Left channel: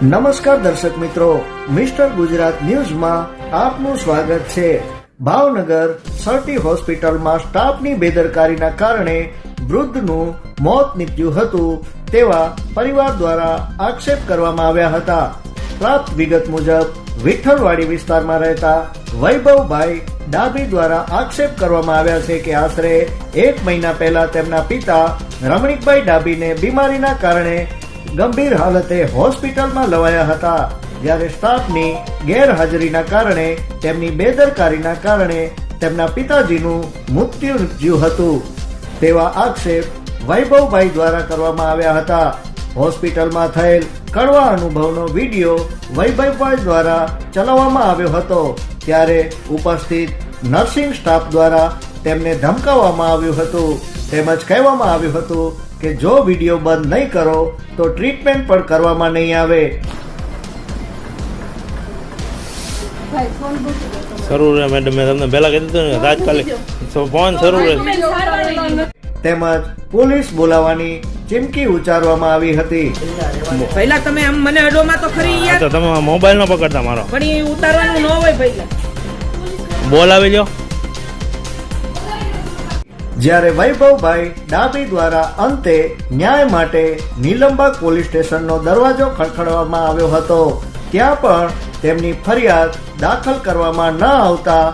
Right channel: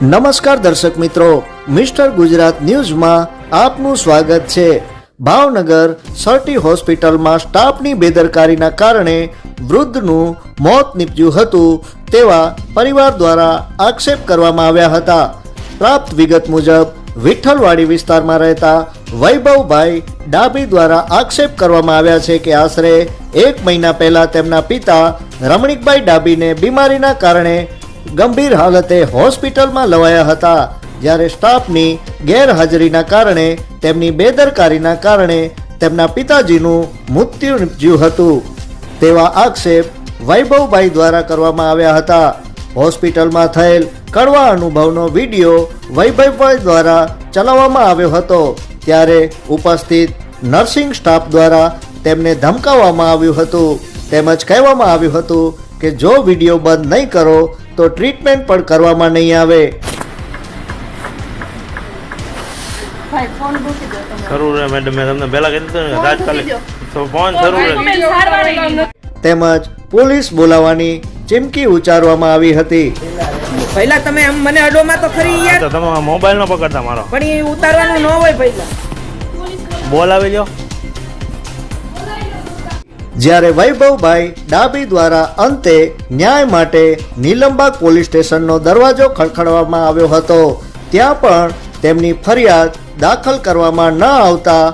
નમસ્કાર દર્શક મિત્રો, મિસ્ટર ગુજરાત ન્યૂઝમાં આપનું સ્વાગત છે. ભાવનગર સર્ટી હોસ્પિટલમાં સ્ટાફની બેદરકારીના કારણે વૃદ્ધનું મોત નીપજ્યું હતું તેવા પરિવાર દ્વારા આક્ષેપ કરવામાં આવ્યા હતા. પ્રાપ્ત વિગત મુજબ, વિઠ્ઠલવાડી વિસ્તારમાં રહેતા વૈભવભાઈ ડાભી દ્વારા આક્ષેપ કરવામાં આવ્યા છે કે આશરે એક મહિના પહેલા તેમના પિતા રમણીકભાઈ ડાભીને બીમારીના કારણે ગંભીર હાલતે હોસ્પિટલમાં લવાયા હતા, જ્યારે સ્ટાફની ગેરહાજરીના કારણે, તેમની બેદરકારીના કારણે તેમના પિતાજીનું મૃત્યુ નીપજ્યું હતું. તેવા આક્ષેપ વૈભવભાઈ દ્વારા કરવામાં આવ્યા હતા. હોસ્પિટલમાં થયેલ કડવા અનુભવનો વીડિયો વૈભવભાઈ દ્વારા ચલાવવામાં આવ્યો હતો, ત્યારે ઉપસ્થિત નર્સિંગ સ્ટાફ દ્વારા તેમને ધમકાવવામાં આવ્યું હતું. તેમજ કહેવામાં આવ્યું હતું કે જો વીડિયો બંધ નહીં કરો તો ટ્રીટમેન્ટ પણ કરવામાં નહીં આવે. ભાઈ ફોન મૂકી દો તમે. શરૂ રહે મેડમ મેં તમને પહેલા કહી દીધું ને તાત્કાલિક તો ફોન શરૂ રહે. તેમજ પોલીસ બોલાવવાની ચીમકી ઉચ્ચારવામાં આવી હતી. પહેલા તમે આમ મને અડોમાં તો ખરી યાર. તો તમે મોબાઈલ નો પકડતા મારો. પણ એ ઉતારવાનું ન હોય પહેલા. બોલાવી જ્યારે વૈભવભાઈ ડાબી દ્વારા અંતે ન્યાય માટે નીલંબા પોલીસ સ્ટેશનનો દરવાજો ખડખડવામાં આવ્યો હતો, ત્યાં પણ તેમની ફરિયાદ દાખલ કરવામાં ન આવતા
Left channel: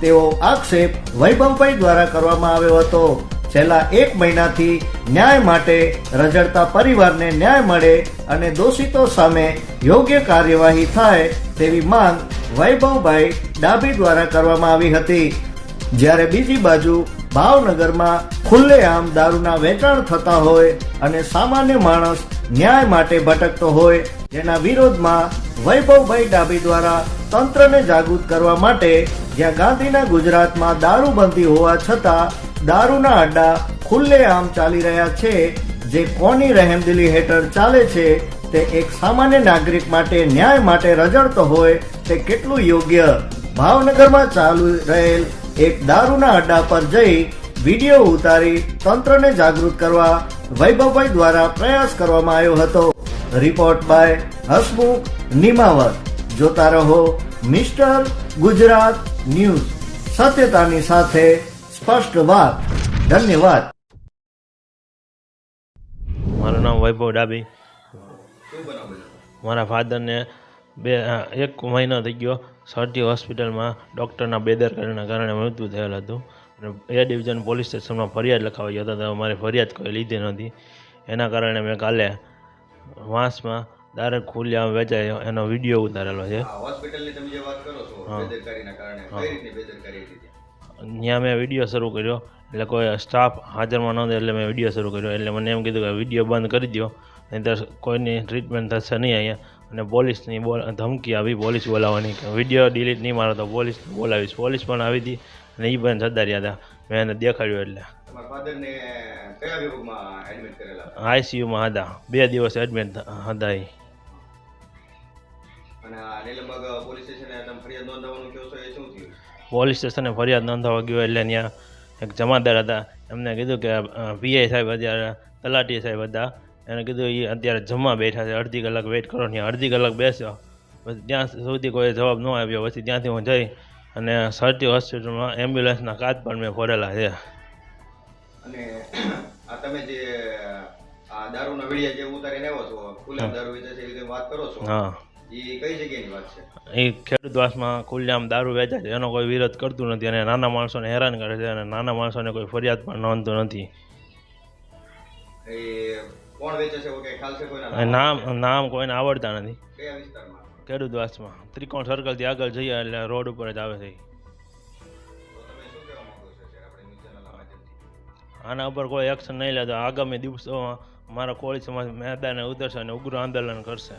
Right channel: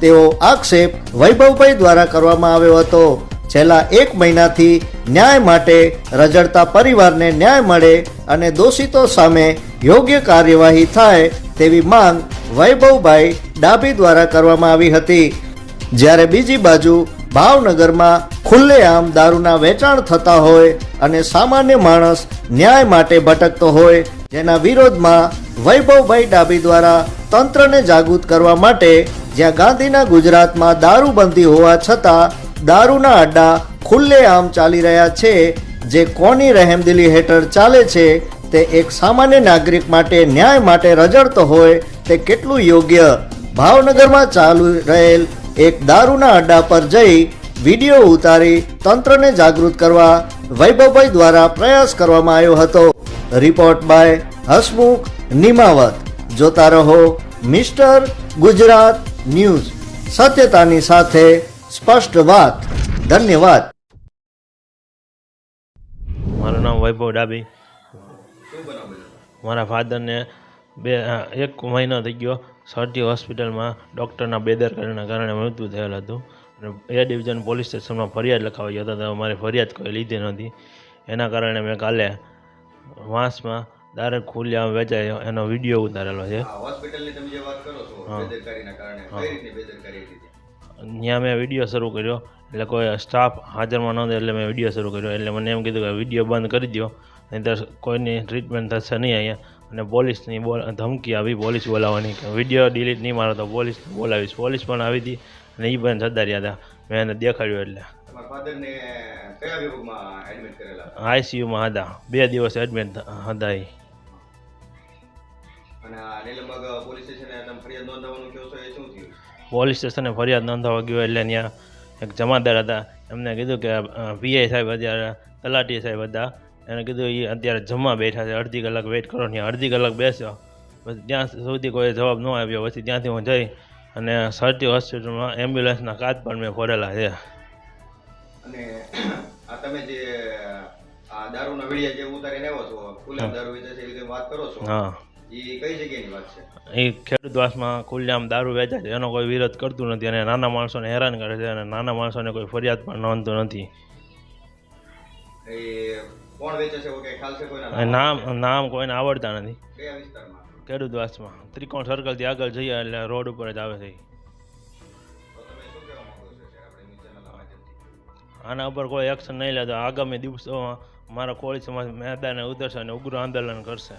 તેઓ આક્ષેપ વૈભવભાઈ દ્વારા કરવામાં આવ્યો હતો. છેલ્લા એક મહિનાથી ન્યાય માટે રજડતા પરિવારને ન્યાય મળે અને દોષિતો સામે યોગ્ય કાર્યવાહી થાય તેવી માંગ વૈભવભાઈ ડાભી દ્વારા કરવામાં આવી હતી. જ્યારે બીજી બાજુ ભાવનગરમાં ખુલ્લેઆમ દારૂના વેચાણ થતા હોય અને સામાન્ય માણસ ન્યાય માટે ભટકતો હોય, જેના વિરોધમાં વૈભવભાઈ ડાબી દ્વારા તંત્રને જાગૃત કરવા માટે જ્યાં ગાંધીના ગુજરાતમાં દારૂબંધી હોવા છતાં દારૂના અડ્ડા ખુલ્લેઆમ ચાલી રહ્યા છે, જે કોની રહેમદિલી હેઠળ ચાલે છે તે એક સામાન્ય નાગરિક માટે ન્યાય માટે રજડતો હોય તે કેટલું યોગ્ય? ભાવનગરમાં ચાલુ રહેલ એક દારૂના અડ્ડા પર જઈ વીડિયો ઉતારી તંત્રને જાગૃત કરવા વૈભવભાઈ દ્વારા પ્રયાસ કરવામાં આવ્યો હતો. Report by Hasmukh Nimavat. જોતા રહો મિસ્ટર ગુજરાત ન્યૂઝ. સત્યતાની સાથે સ્પષ્ટ વાત. ધન્યવાદ. મારું નામ વૈભવ ડાબી. મારા ફાધરને બે એક મહિનો થઈ ગયો. સરટી હોસ્પિટલમાં ડૉક્ટરના બેદરકારીના કારણે મૃત્યુ થયેલ હતું. અને એ ડિવિઝન પોલીસ સ્ટેશનમાં ફરિયાદ લખાવી હતા તો અમારી ફરિયાદ કોઈ લીધી નહોતી. એના કારણે મેં કાલે વાંસમાં દારૂ ખુલ્યા વેચાયો એનો વીડિયો ઉતારેલો છે. ત્યાં મેં વીડિયો શરૂ કર્યો એટલે કોઈ સ્ટાફ હાજરમાં નહોતો એટલે મેં વીડિયો શરૂ કર્યો. એટલે મને એમ કીધું કે વીડિયો બંધ કરી દો નહીંતર કોઈની ટ્રીટમેન્ટ થશે નહીં અહીંયા. અને પોલીસની બોલ ધમકી આવી પોલીસ બોલાવવાની કે વીડિયો ડિલીટ નહીં મારો તો પોલીસ બોલાવીશ. પોલીસ પણ આવી હતી અને એ પણ સદ્દારી હતા. મેં એને દેખાડ્યું એટલે. આઈસીયુમાં હતા. બે દિવસ એડમિટ હતા એ પોલીસ સ્ટેશને ફરિયાદ નોંધાવા ગયો એટલે ત્યાં એક જમાદાર હતા. એમને કીધું કે પીઆઈ સાહેબ અત્યારે તલાટી સાહેબ હતા. એને કીધું એ અત્યારે જમવા બેઠા છે અડધી કલાક વેઇટ કરો ને અડધી કલાક બેસ્યો. પછી ત્યાં સુધી કોઈ જવાબ ન આવ્યો પછી ત્યાંથી હું જઈ અને સરટી હોસ્પિટલમાં એમ્બ્યુલન્સના કાચ પણ મેં ફરેલા છે. અને આ તમે જે આ દારૂના વિડીયા જે ઉતારીને આવ્યો છો ખુલ્લા દારૂ વેચે છે એવી વાત કરો છો? હા. એ કઈ જગ્યાની વાત છે? એ ખેડૂતવાસમાં ખુલ્લામ દારૂ વેચાય છે. એનો કોઈ વિરોધ કરતું નથી અને નાના માણસોને હેરાન કરે છે અને નાના માણસોને કોઈ ફરિયાદ પણ નોંધતું નથી. એ કોણ વેચે છે? ઓકે ખ્યાલ છે કોઈના નામ? નામ કોઈને આવડતા નથી. કયા વિસ્તારમાં? ખેડૂતવાસમાં. ત્રિકોણ સર્કલથી આગળ જઈએ એટલે રોડ ઉપર જ આવે છે આના ઉપર કોઈ એક્શન નહીં લે તો આગામી દિવસોમાં મારા કોળી સમાજ મેદાને ઉતરશે અને ઉગ્ર આંદોલન કરશે.